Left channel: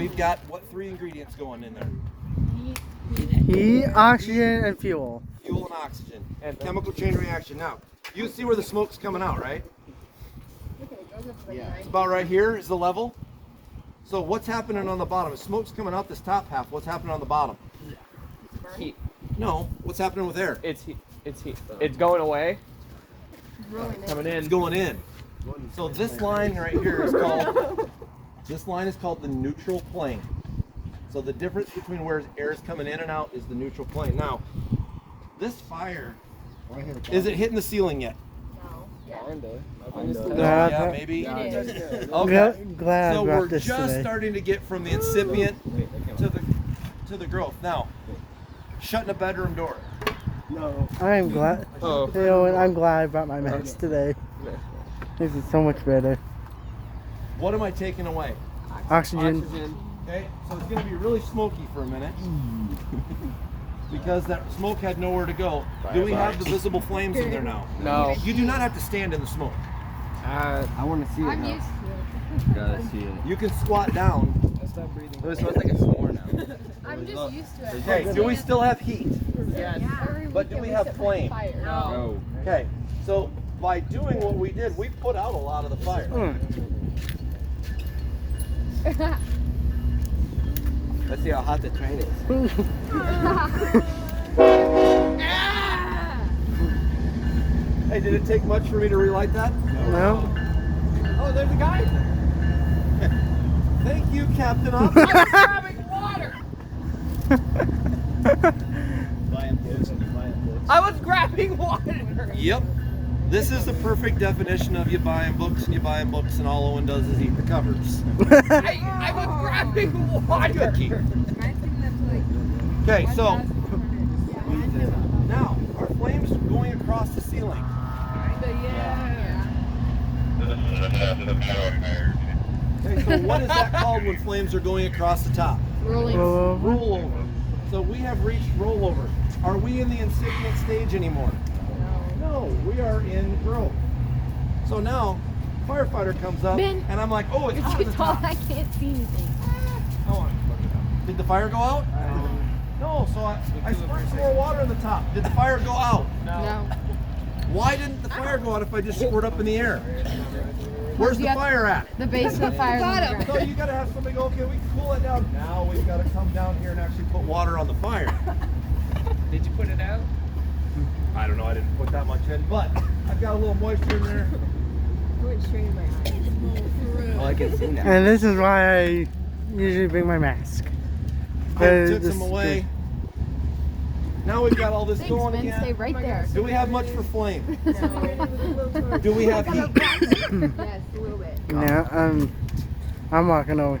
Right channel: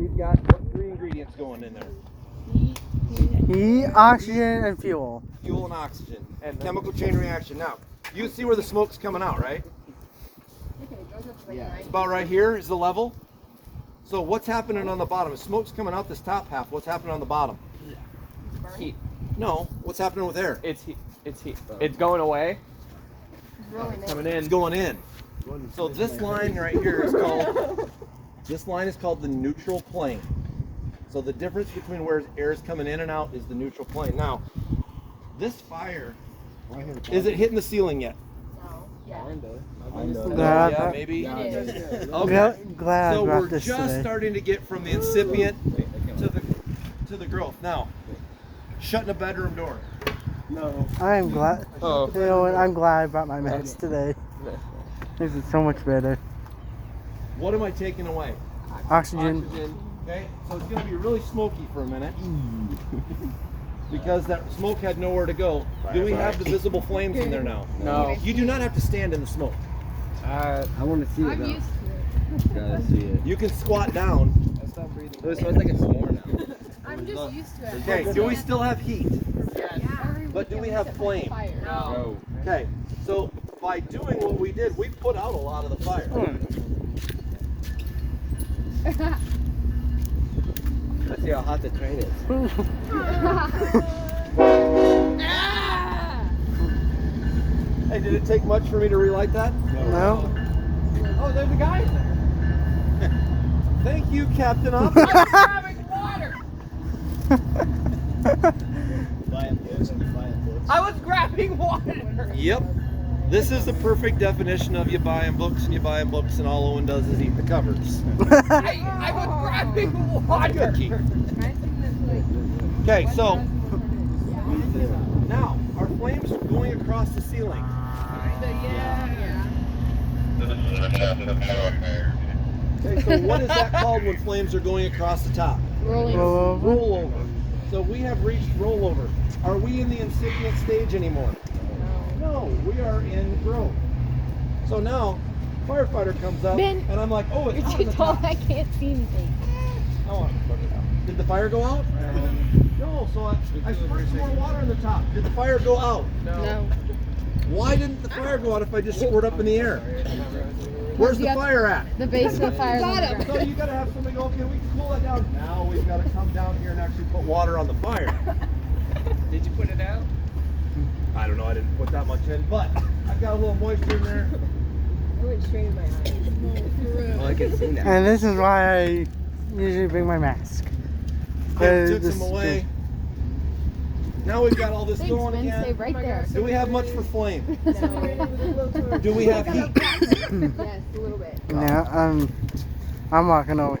we've got what 3 ingredients going in there? Heat, oxygen, and fuel. Fuel and oxygen. And chemical chain reaction. Now, you see where the smoke's coming out, right? It's about right here is the level. So what's happening on the bottom? If smoke's coming out this top half, what's happening on the bottom? Heat. No, what's happening with air? It's heat. It's heat. It's going away. Coming in. It's going in. So this line right here is called, this line is called the neutral plane. So the difference between where air is coming in and out is the neutral plane. Now, this fire isn't hitting the ceiling yet. Yeah, maybe. Okay. Glad So I brought we're this just today. starting to get from the incipient to the growth. Now, shutting a bedroom door. I'm glad. Oh. You know what? I'm glad I brought my mask today. This is so much better. What am I taking away? Oxygen. Okay, so it's going to be really smoky for a minute because that smoke had nowhere to go. Do we have the visible flames in there now? No. You do not have to stand in the smoke. I want to see it now. You can squat down. It smells like a s'more now. I'm just used to it. Okay, do we still have heat? But do we have flame? No. Okay, so by doing what we did, we put out a lot of the fire. Let's see how hot the train is. Hey, did it take much for me to relight that? No. Oh, there's a guy. Thank you, Captain. I was grabbing water. Yep. This is the perfect definition of you buying books and you buying books and all Owen does is eat the covers. I was grabbing water. Good key. Okay, so now our flames are going across the ceiling. Okay, so what is that called when flames are going across the top? Rollover. So we have reached rollover. Are we in the incipient stage anymore? No, we are in growth. So now, firefighter comes up, Ben, and I'm like, oh, it's You're hot too on the tall, top. I can't see anything. Did the fire go out? No, so I squirt some more water on the top. Did the fire go out? No. Why didn't the fire go out if I just squirt up in the air? Where's the fire at? The base of the fire is on the ground. So you gotta have something, okay, we can cool that down. Now we've gotta come down here and actually put water on the fire. Did you put it out? I don't know, I didn't put that much in, but I've got a little moisture in there. Oh, I can see now. And this is why I usually bring my mask. I took them away. Now we've got all this Thanks, going Ben. again. Stay right there. Do we have much for flame? Do we have heat? Yes, a little bit. Yeah, I'm walking over.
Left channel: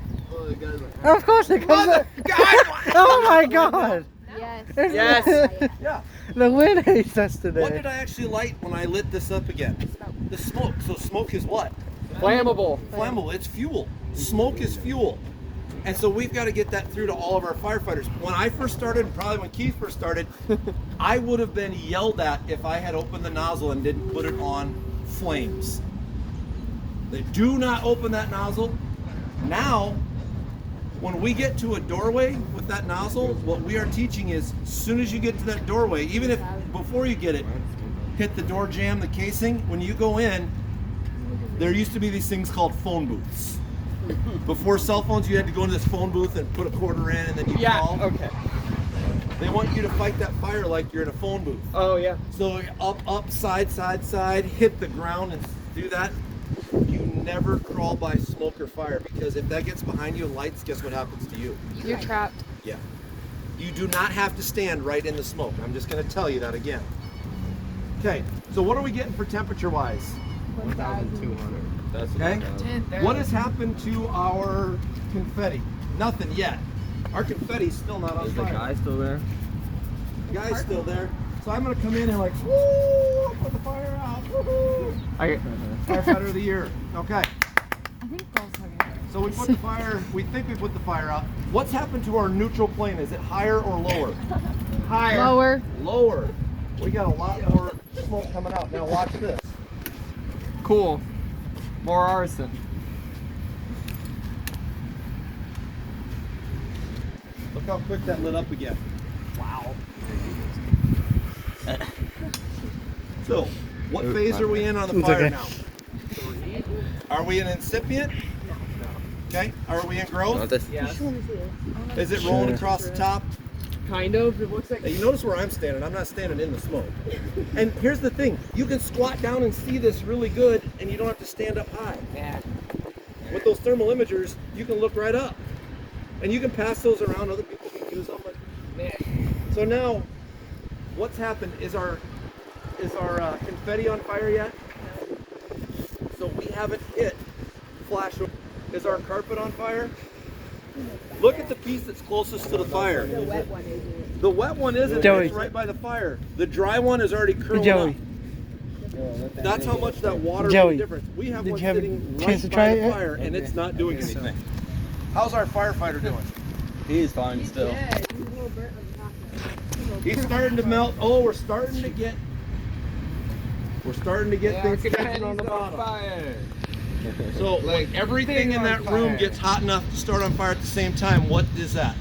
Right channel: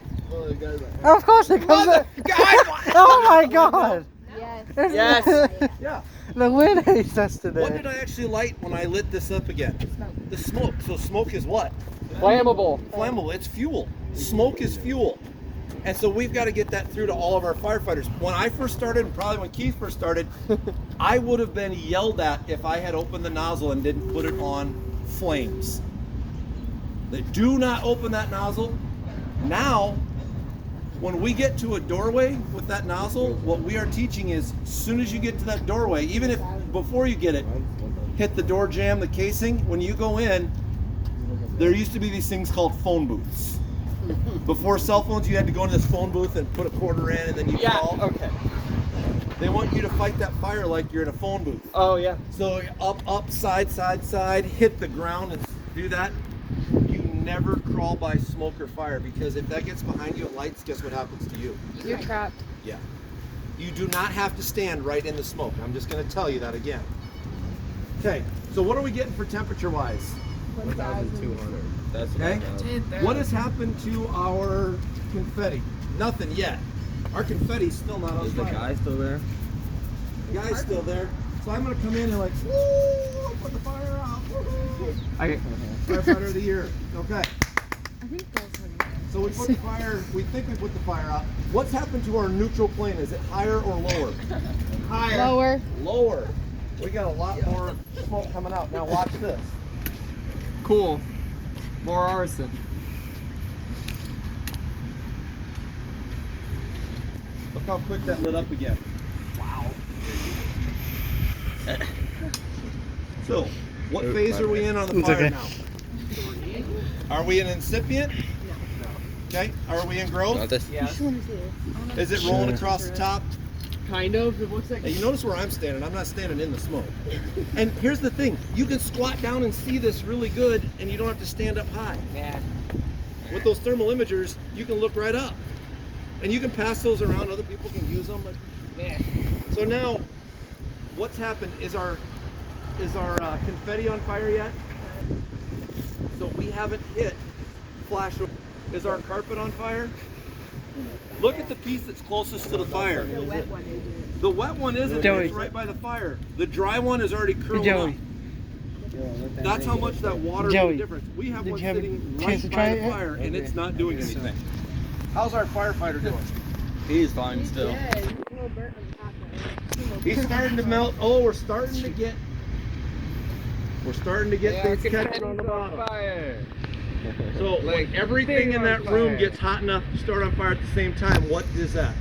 Of course it comes up. God! Oh my god! Yes. Yes. Yeah. The wind hates us What today. did I actually light when I lit this up again? The smoke. So smoke is what? Flammable. Flammable. It's fuel. Smoke is fuel. And so we've got to get that through to all of our firefighters. When I first started, and probably when Keith first started, I would have been yelled at if I had opened the nozzle and didn't put it on flames. They do not open that nozzle. Now, when we get to a doorway with that nozzle, what we are teaching is as soon as you get to that doorway, even if before you get it, hit the door jamb, the casing, when you go in, there used to be these things called phone booths. Before cell phones, you had to go in this phone booth and put a quarter in and then you call. Okay. They want you to fight that fire like you're in a phone booth. Oh, yeah. So up, side, hit the ground and do that. You never crawl by smoke or fire because if that gets behind you and lights, guess what happens to you? You're trapped. Yeah. You do not have to stand right in the smoke. I'm just going to tell you that again. Okay, so what are we getting for temperature-wise? 1,200. Okay. What has happened to our confetti? Nothing yet. Our confetti's still not on Is the fire. guy still there? The guy's still there. So I'm going to come in and like, woo, put the fire out. Woo-hoo. Firefighter of the year. Okay. So we put the fire, we think we put the fire out. What's happened to our neutral plane? Is it higher or lower? Higher. Lower. Lower. We got a lot more smoke coming out. Now watch this. Cool. More arson. Look how quick that lit up again. Wow. So, what phase are we in on the It's fire okay. now? Are we in incipient? Okay. Are we in growth? Yes. Is it rolling across the top? Kind of. It looks like. Hey, you notice where I'm standing? I'm not standing in the smoke. And here's the thing. You can squat down and see this really good, and you don't have to stand up high. Yeah. With those thermal imagers, you can look right up. And you can pass those around. Other people can use them. So now, what's happened is our confetti on fire yet? So we haven't hit flash. Is our carpet on fire? Look at the piece that's closest to the fire. The wet one isn't. The wet one isn't. Joey. It's right by the fire. The dry one is already curled Joey. up. That's how much that water Joey, made a difference. We have did one you have a sitting chance right to by try the it yet? fire, and it's not doing anything. How's our firefighter doing? He's fine still. Yeah, he's a little burnt on the top right. He's starting to melt. Oh, we're starting to get things catching on the bottom. So when everything in that room gets hot enough to start on fire at the same time, what is that?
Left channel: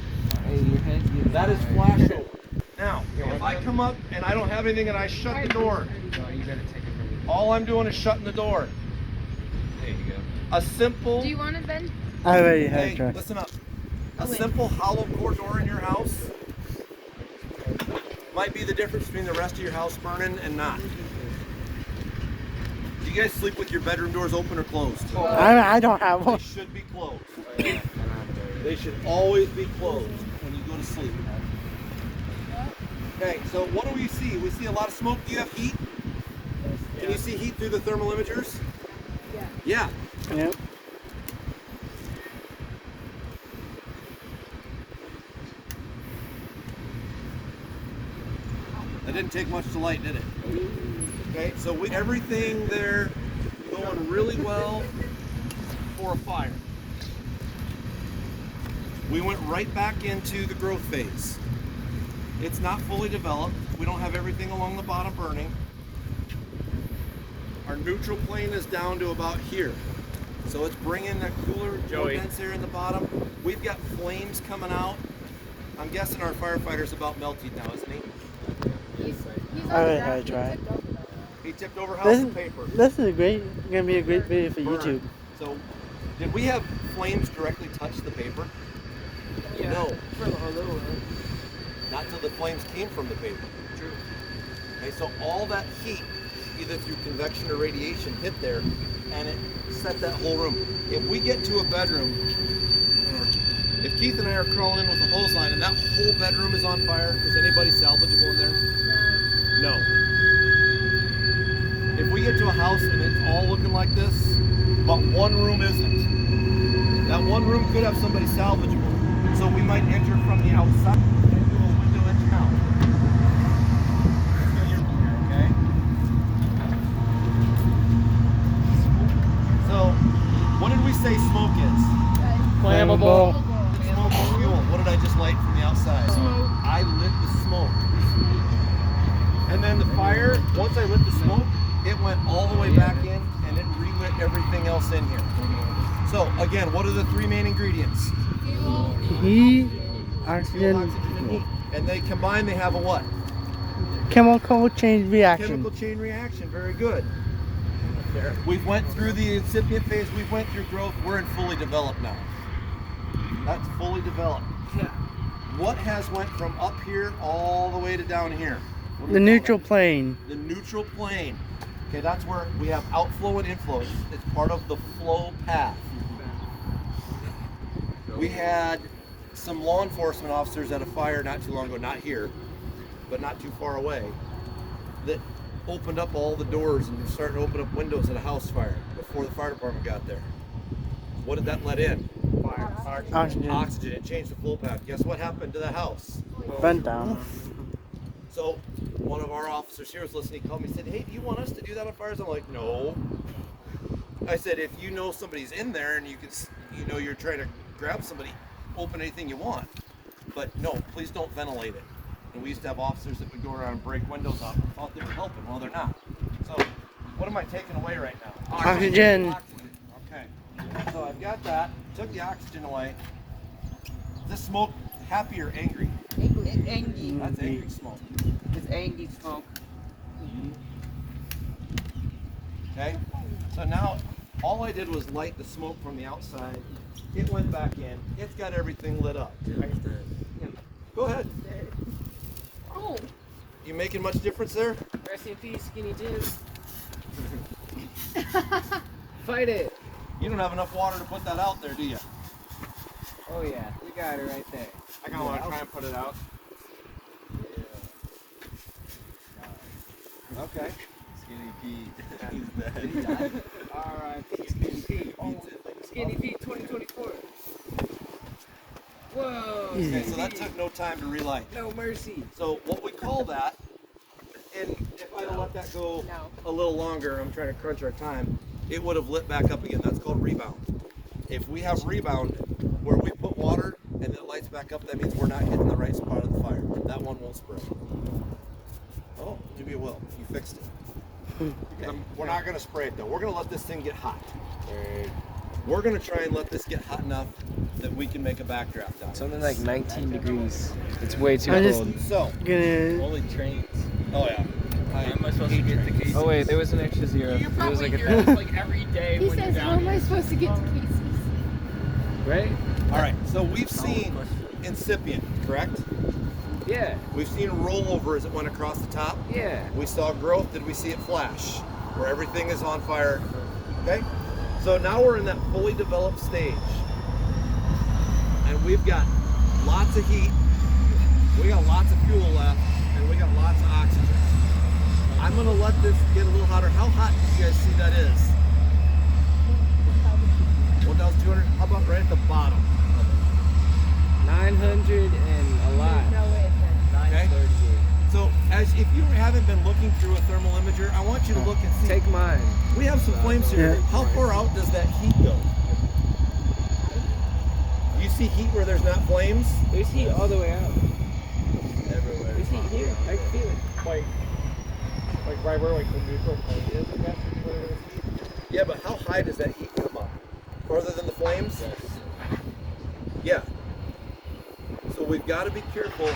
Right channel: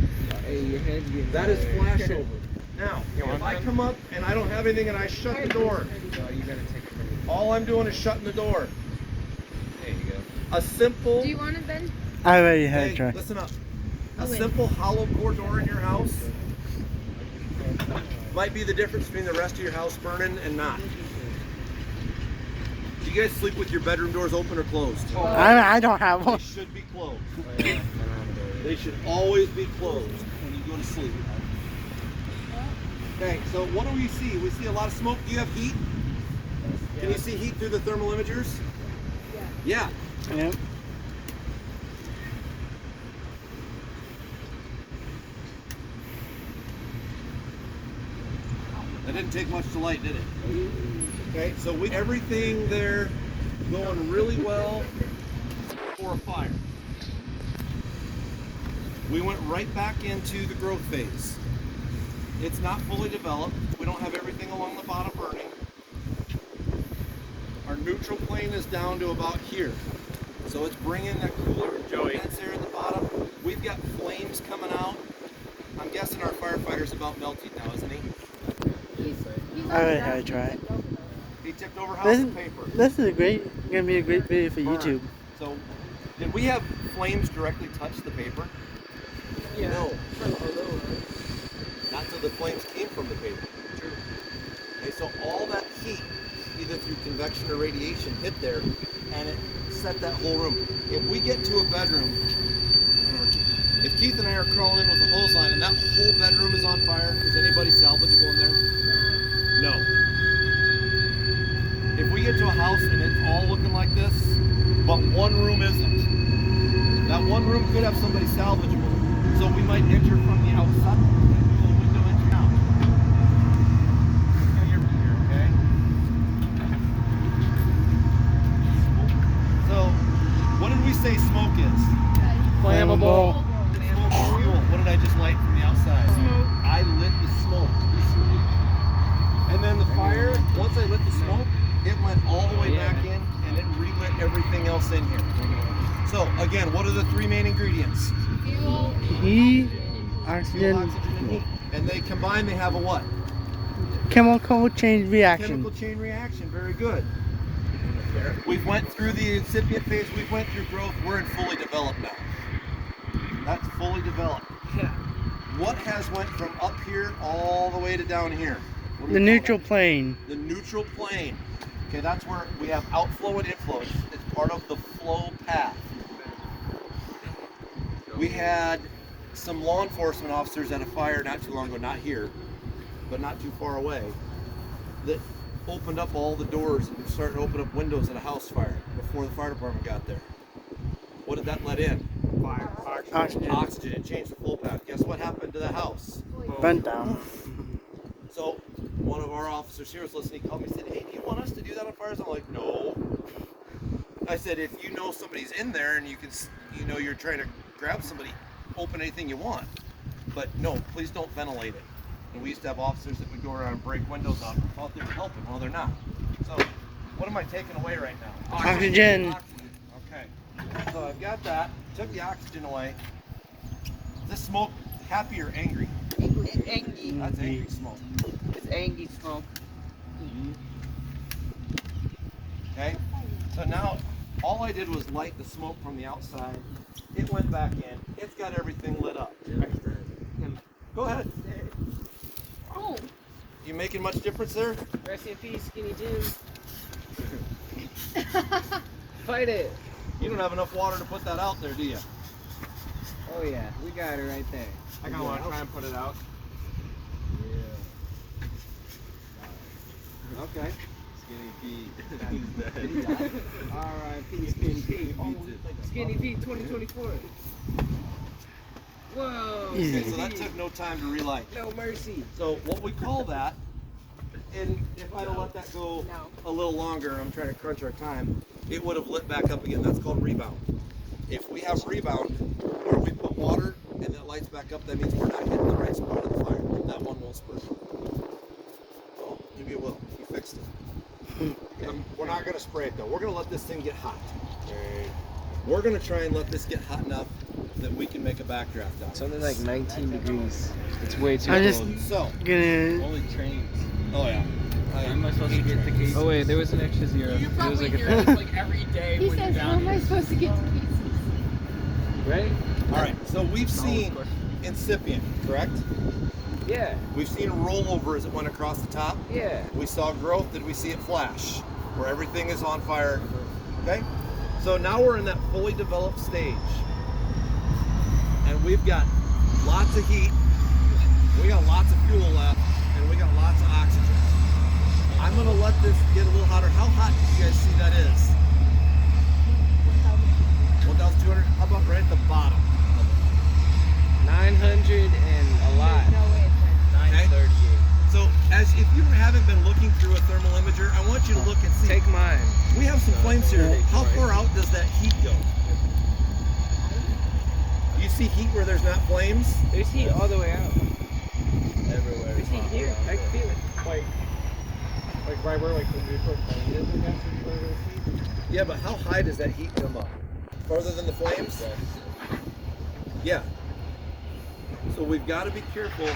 That is flashover. Now, if I come up and I don't have anything and I shut the door, all I'm doing is shutting the door. A simple, Do you want it then? I already had a hey, try. listen up. A simple hollow core door in your house might be the difference between the rest of your house burning and not. Do you guys sleep with your bedroom doors open or closed? I don't have They one. should be closed. They should always be closed when you go to sleep. Okay, so what do we see? We see a lot of smoke. Do you have heat? Can you see heat through the thermal imagers? Yeah. Yeah. That didn't take much to light, did it? Okay, so everything there going really well for a fire. We went right back into the growth phase. It's not fully developed. We don't have everything along the bottom burning. Our neutral plane is down to about here. So it's bringing that cooler vents here at the bottom. We've got flames coming out. I'm guessing our firefighter's about melted now, isn't he? I already had a try. He tipped over house of paper. This is gonna be a great video for Burn. YouTube. So, did we have flames directly touch the paper? No. Not till the flames came from the paper. Okay, so all that heat, either through convection or radiation, hit there, and it set that whole room. If we get to a bedroom, if Keith and I are crawling in with a hose line and that whole bedroom is on fire, is anybody salvageable in there? No. If we get to a house and it's all looking like this, but one room isn't, that one room could have somebody salvageable. So we might enter from the outside and do a window entry out. Let's get your room here, okay? So, what did we say smoke is? Flammable. Smoke is fuel. What did I just light from the outside? I lit the smoke. And then the fire, once I lit the smoke, it went all the way back in and it relit everything else in here. So again, what are the three main ingredients? Heat, Fuel, oxygen, oxygen, and heat. And they combine, they have a what? chemical chain reaction. Chemical chain reaction, very good. We've went through the incipient phase, we've went through growth, we're in fully developed now. That's fully developed. What has went from up here all the way to down here? What do we The call neutral that? plane. The neutral plane. Okay, that's where we have outflow and inflow. It's part of the flow path. We had some law enforcement officers at a fire not too long ago, not here, but not too far away, that opened up all the doors and were starting to open up windows at a house fire before the fire department got there. What did that let in? Oxygen. Oxygen. It changed the flow path. Guess what happened to the house? Burnt down. So one of our officers here was listening. He called me and said, "Hey, do you want us to do that on fires?" I'm like, "No." I said, "If you know somebody's in there and you can, you know, you're trying to grab somebody, open anything you want. But no, please don't ventilate it." And we used to have officers that would go around and break windows out and thought they were helping. Well, they're not. So what am I taking away right now? Oxygen. Oxygen. Okay. So I've got that. Took the oxygen away. This smoke happy or angry? Angie. That's angry smoke. It's Angie smoke. Okay? So now all I did was light the smoke from the outside. It went back in. It's got everything lit up. Go ahead. Oh, You making much difference there? Rest in peace, skinny jeans. Fight it. You don't have enough water to put that out there, do you? Oh yeah, you got it right there. I kind of want to try and put it out. Okay. Skinny Pete. Alright, Skinny Pete. Oh, Skinny Pete 2024. Whoa. Okay, so that took no time to relight. No mercy. So what we call that, and if I let that go a little longer, I'm trying to crunch our time, it would have lit back up again. That's called rebound. If we have rebound, where we put water and it lights back up, that means we're not hitting the right spot of the fire. That one won't spray. Oh, maybe it will. You fixed it. Okay. We're not going to spray it though. We're going to let this thing get hot. We're going to try and let this get hot enough that we can make a backdraft out of it. Something like 19 degrees. It's way too I just cold. So, gonna. Only trains. oh yeah. Oh wait, there was an extra zero. you It was probably like hear a us like every day He when says, you're how down am I here. supposed to get to cases? Right? All right. So we've seen incipient, correct? Yeah. We've seen rollover as it went across the top. Yeah. We saw growth. Did we see it flash? Where everything is on fire. Okay? So now we're in that fully developed stage. And we've got lots of heat. We got lots of fuel left. And we got lots of oxygen. I'm going to let this get a little hotter. How hot do you guys see that is? 1,200. How about right at the bottom of it? 900 and a lot. No way it's 930. So, as if you haven't been looking through a thermal imager, I want you to look and see. Take mine. We have some flames here. Yeah. How far out does that heat go? Do you see heat where there's not flames? There's heat all the way out. Everywhere. There's heat here. I can feel it. Like right where the neutral plane is, I guess, is where there's heat. Yeah, but how high does that heat come up? Farther than the flames? Yeah. So we've got to be careful.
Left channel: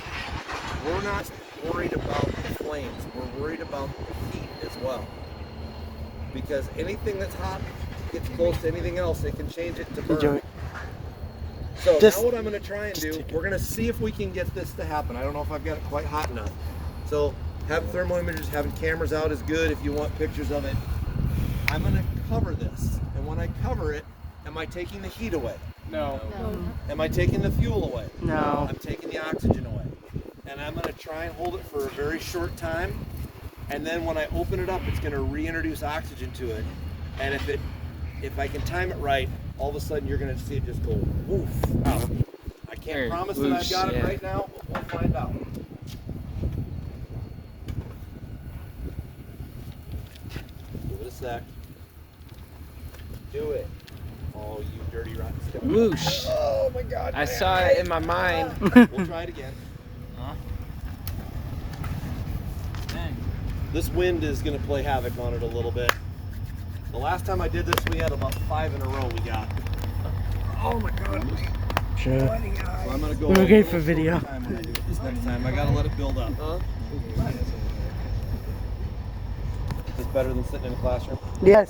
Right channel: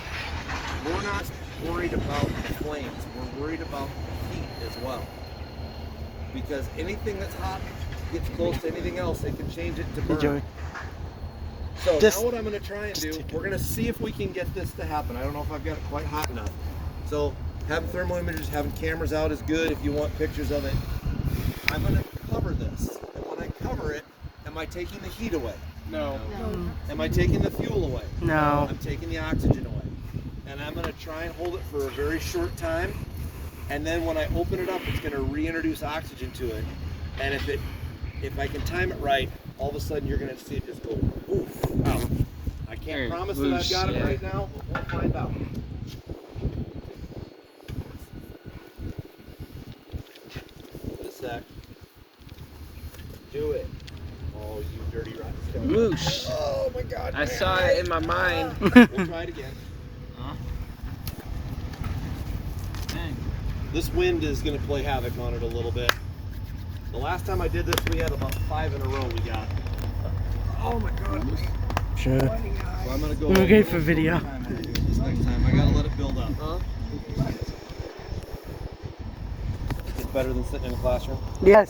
We're not worried about the flames. We're worried about the heat as well. Because anything that's hot gets close to anything else, it can change it to Hey, burn. Joey. So Just- now what I'm going to try and do, we're going to see if we can get this to happen. I don't know if I've got it quite hot enough. So having thermal imagers, having cameras out is good if you want pictures of it. I'm going to cover this. And when I cover it, am I taking the heat away? No. Am I taking the fuel away? No. I'm taking the oxygen away. And I'm going to try and hold it for a very short time. And then when I open it up, it's going to reintroduce oxygen to it. And if I can time it right, all of a sudden you're going to see it just go woof out. I can't promise that I've got it right now, but we'll find out. Give it a sec. Do it. Oh, you dirty rotten skin. Whoosh. Oh my God. I man. saw it in my mind. We'll try it again. Huh? This wind is going to play havoc on it a little bit. The last time I did this, we had about 5 in a row we got. Oh my God. Sure. So I'm going to go We're a okay little for video. shorter time when I do it this next time. I got to let it build up. Huh? Is it better than sitting in a classroom? Yes.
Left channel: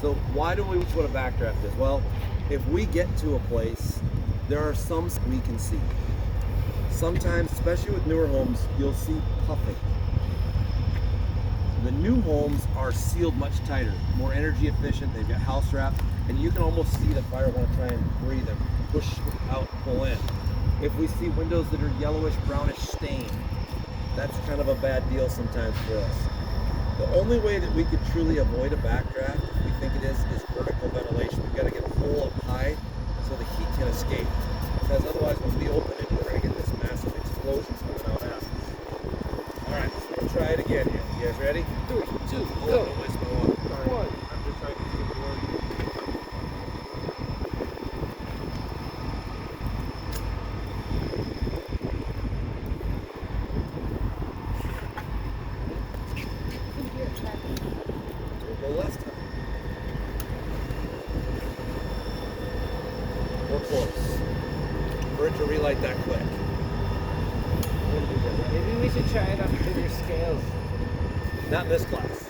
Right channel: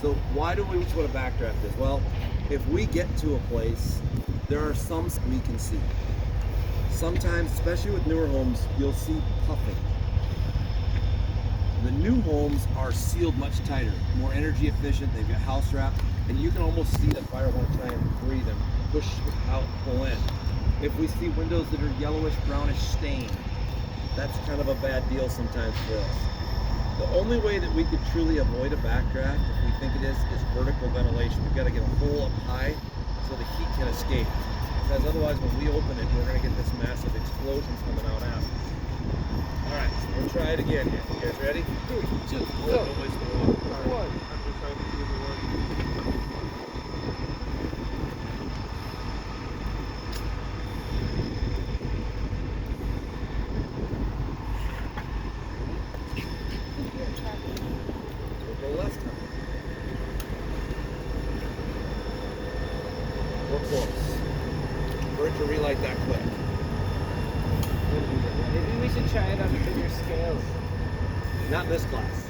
So why do we what a backdraft is? Well, if we get to a place, there are some we can see. Sometimes, especially with newer homes, you'll see puffing. The new homes are sealed much tighter, more energy efficient, they've got house wrap, and you can almost see the fire want to try and breathe and push out, pull in. If we see windows that are yellowish, brownish stain, that's kind of a bad deal sometimes for us. The only way that we could truly avoid a backdraft, if we think it is vertical ventilation. We've got to get a hole up high so the heat can escape. Because otherwise, when we open it, we're going to get this massive explosions coming out after. All right, so we'll try it again here. You guys ready? Two. Oh, don't waste my water. I'm just trying to see the one. We'll go left time. we're close. For it to relight that quick. Maybe we should try it on bigger scales. Not in this class.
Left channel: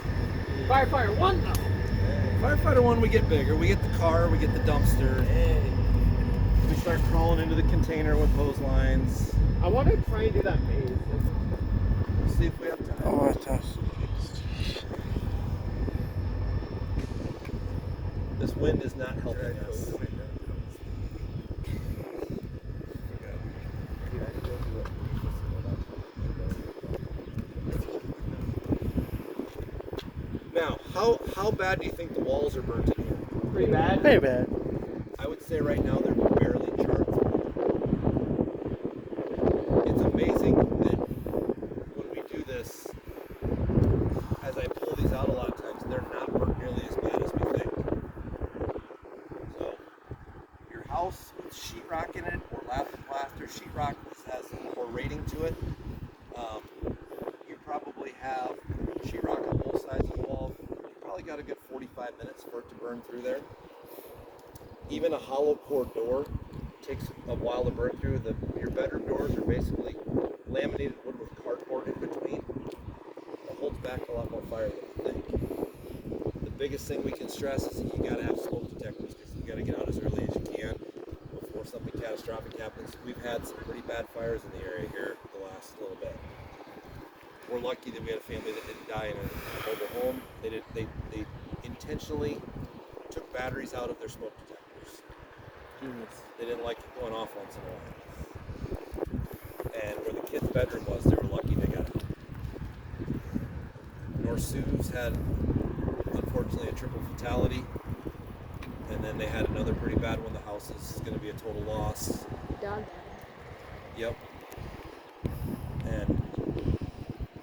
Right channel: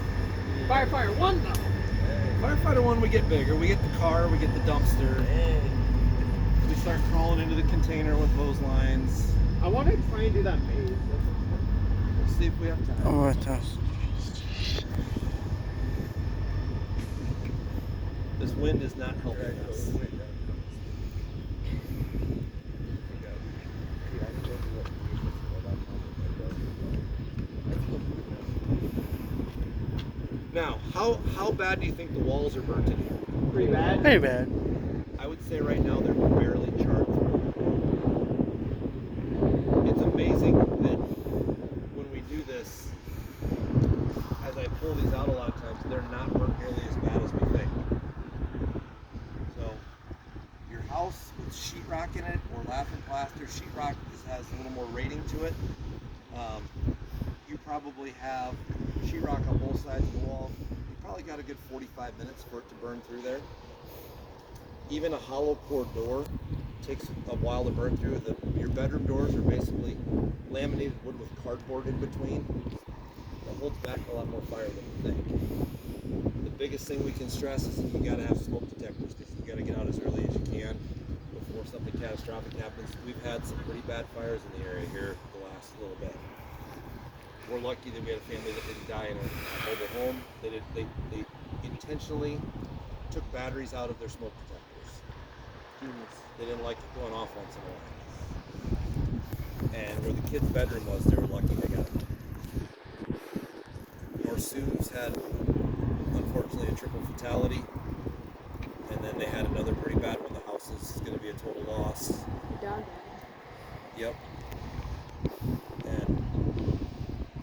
Firefighter 1 though. Firefighter 1, we get bigger. We get the car, we get the dumpster. We start crawling into the container with hose lines. I want to try and do that maze. We'll see if we have time. Oh, it does. This wind is not helping us. Now, how bad do you think the walls are burnt in here? Pretty bad. Very bad. I would say right now they're barely charred through. It's amazing that when we do this, as I pull these out a lot of times, they're not burnt nearly as bad as we think. So, your house with sheetrock in it or lap and plaster, sheetrock has a little more rating to it. You probably have sheetrock on both sides of the wall. You probably got a good 45 minutes for it to burn through there. Even a hollow core door takes a while to burn through. Your bedroom doors are basically laminated wood with cardboard in between. It holds back a lot more fire than you think. The biggest thing we can stress is that you got to have smoke detectors because you got to get out as early as you can before something catastrophic happens. We've had some pretty bad fires in the area here the last little bit. We're lucky that we had a family that didn't die in a mobile home. They intentionally took batteries out of their smoke detectors. They didn't like it going off once in a while. And where the kid's bedroom was, they were lucky they got it. North Sioux had, unfortunately, a triple fatality. And then they had another pretty bad one. The house is going to be a total loss. Dog. Yep. And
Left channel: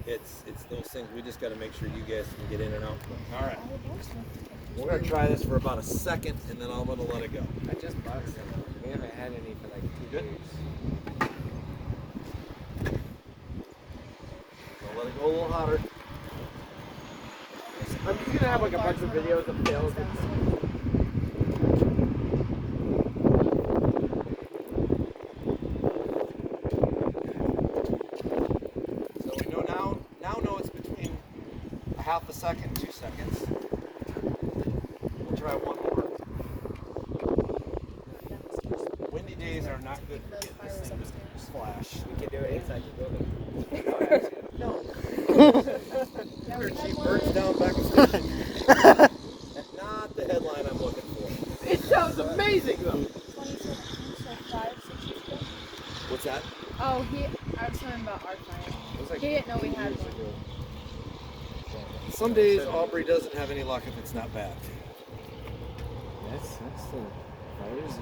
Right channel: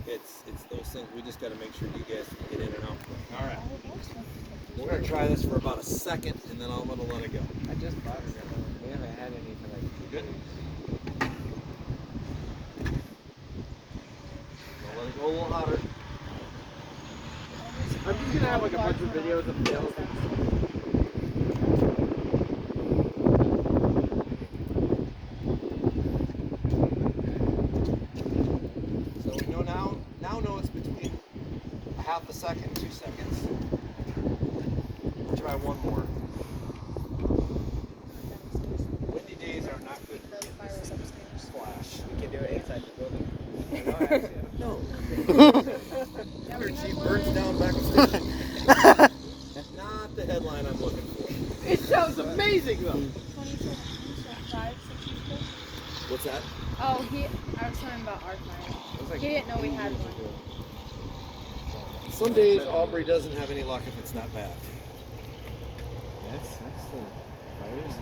it's those things. We just got to make sure you guys can get in and out quick. All right. We're going to try this for about a second, and then I'm going to let it go. I just bought some. We haven't had any for like 2 Good. days. I'll let it go a little hotter. I'm just gonna have like a bunch of videos of Gail. So we now know it's between a half a second, 2 seconds. We'll try one more. Windy days are not good for getting this thing to flash. We can do it inside the building. No. She burns down back in station. Not the headline I'm looking for. It sounds amazing though. 27, 5, 6 years ago. What's that? Oh, I was talking about our fire. It's like He didn't know we had one. Some days Aubrey doesn't have any luck if it's not bad. That's the fires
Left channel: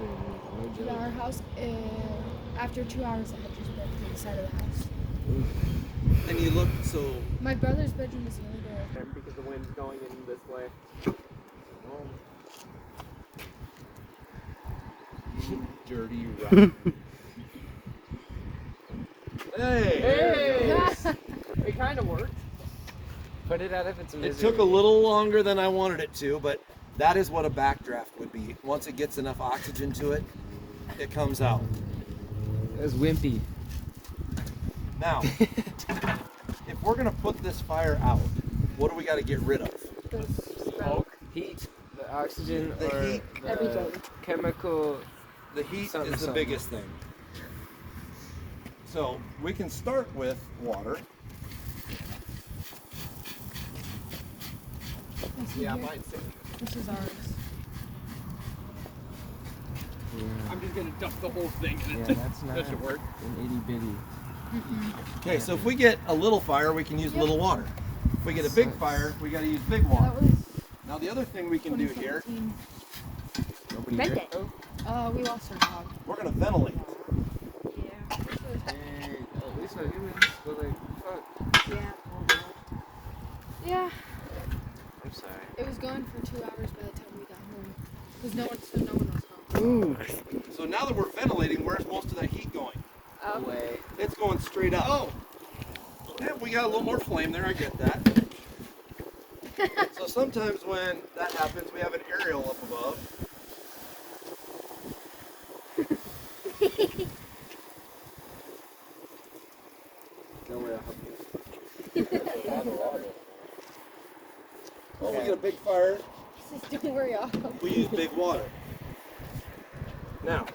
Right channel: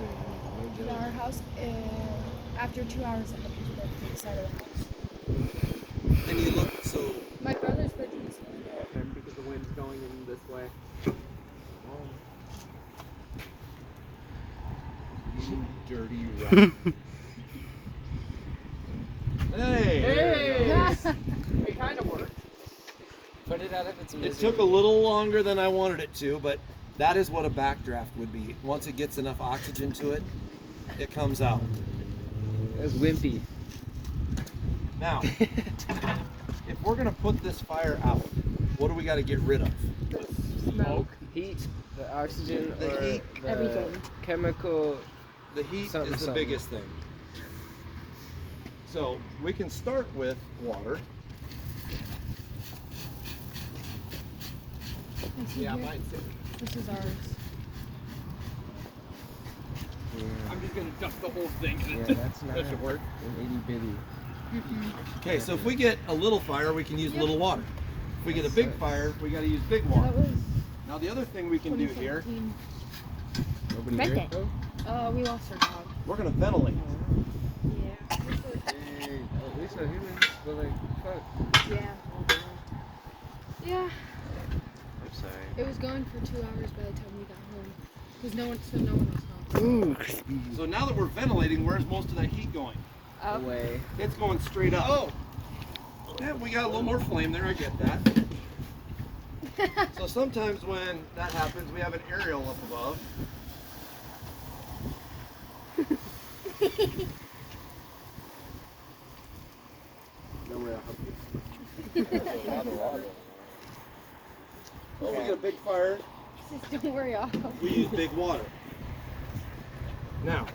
In our house, after 2 hours, I had just broke to the side of the house. And you look so. My brother's bedroom was the only door. because the wind's going in this way. You dirty rat. Hey! There it goes. It kind of worked. Put it out of its misery. It took a little longer than I wanted it to, but that is what a backdraft would be. Once it gets enough oxygen to it, it comes out. It was wimpy. Now, if we're going to put this fire out, what do we got to get rid of? Smoke, heat, the oxygen, The heat. Everything. Chemical. The heat Something, is the something. biggest thing. So we can start with water. Yeah, mine's too. This is ours. I'm just gonna dump the whole thing in it. That should work. An itty bitty. Okay, so if we get a little fire, we can use little water. If we get a big fire, we got to use big water. That was Now the other thing we can do here, 2017. Nobody Bent drank. it. We lost our dog. we're going to ventilate. Yeah. Hey, at least our humans were like, fuck. Yeah. Yeah. I'm sorry. It was gone for 2 hours by the time we got home. Because no one was home. Ooh. So now that we're ventilating, where's most of that heat going? Away. It's going straight up. Oh! Yeah, we got a little more flame there, I get that. So sometimes when that happens, we have an aerial up above. No way I'll help you. Oh, we get a big fire. Just don't worry, I'll help. We use big water. Now,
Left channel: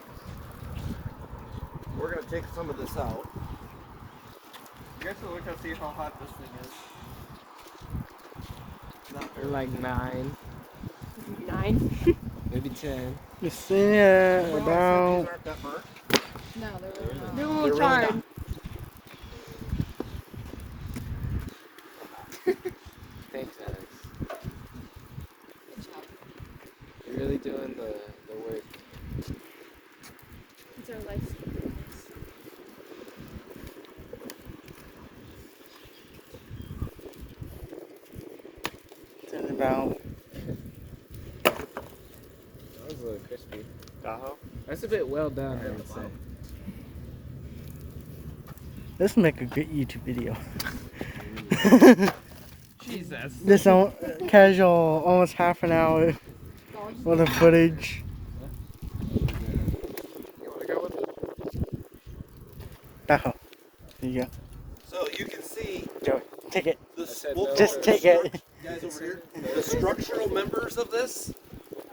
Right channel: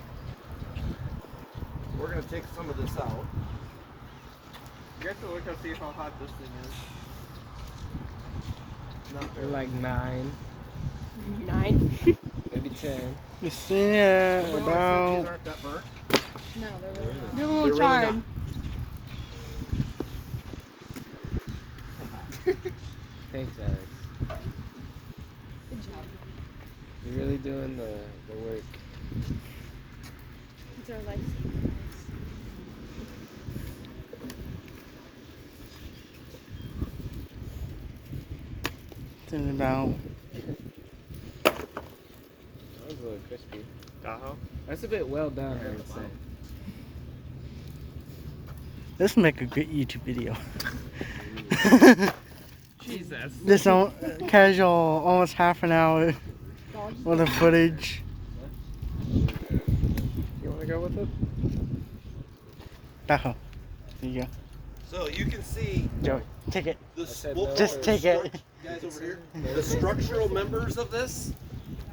we're going to take some of this out. You guys will look and see how hot this thing is. Not really. Like 9, 9. maybe 10. You seen it about. These aren't that burnt. No, they're really not. No, They're it's really hard. not. Thanks, Alex. Good job. You're really doing the work. It's our life skill. It's about. That was a little crispy. Gaul. That's a bit well done, I would say. This would make a good YouTube video. Jesus. This casual, almost half an hour worth of footage. You want to go with it? Bajo. There you go. So you can see Joe, take it. this. I said no. Just take it. Guys over here, the structural members of this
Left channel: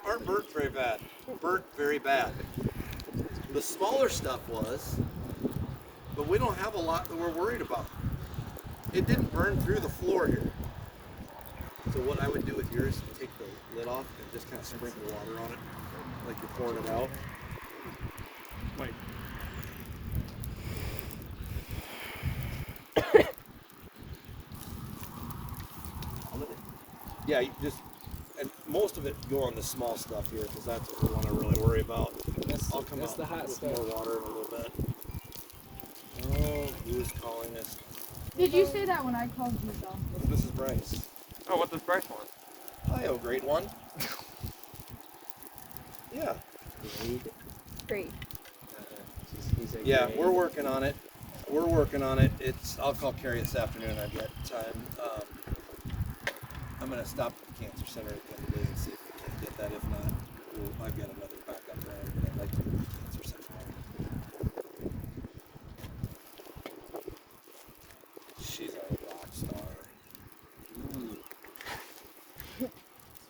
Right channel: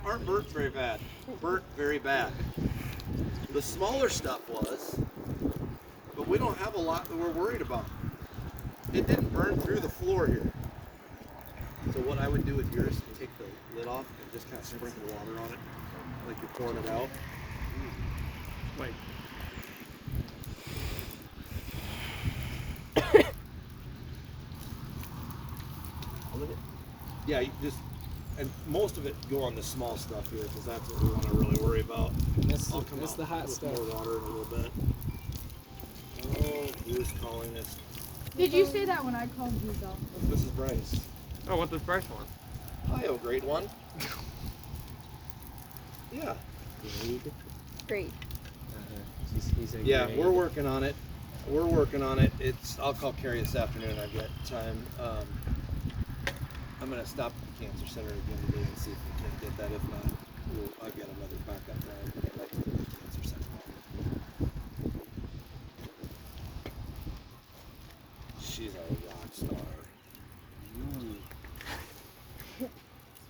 aren't burnt very bad. Burnt very bad. The smaller stuff was, but we don't have a lot that we're worried about. It didn't burn through the floor here. So what I would do with yours, take the lid off and just kind of sprinkle water on it, like you're pouring it out. Wait. All of it? Yeah, you just, and most of it go on the small stuff here because that's what we want to really worry about. I'll come that's out the hot with stuff. more water in a little bit. Oh, who's calling us? Did you say that when I called you, Gaul? This is Bryce. Oh, what's the first one? Hi, oh, great one. Yeah. Great. He's a Yeah, great- we're working on it. We're working on it. I'll call Carrie this afternoon. I've got time. I'm gonna stop at the cancer center again today and see if we can get that. If not, I've got another backup plan. But I'd like to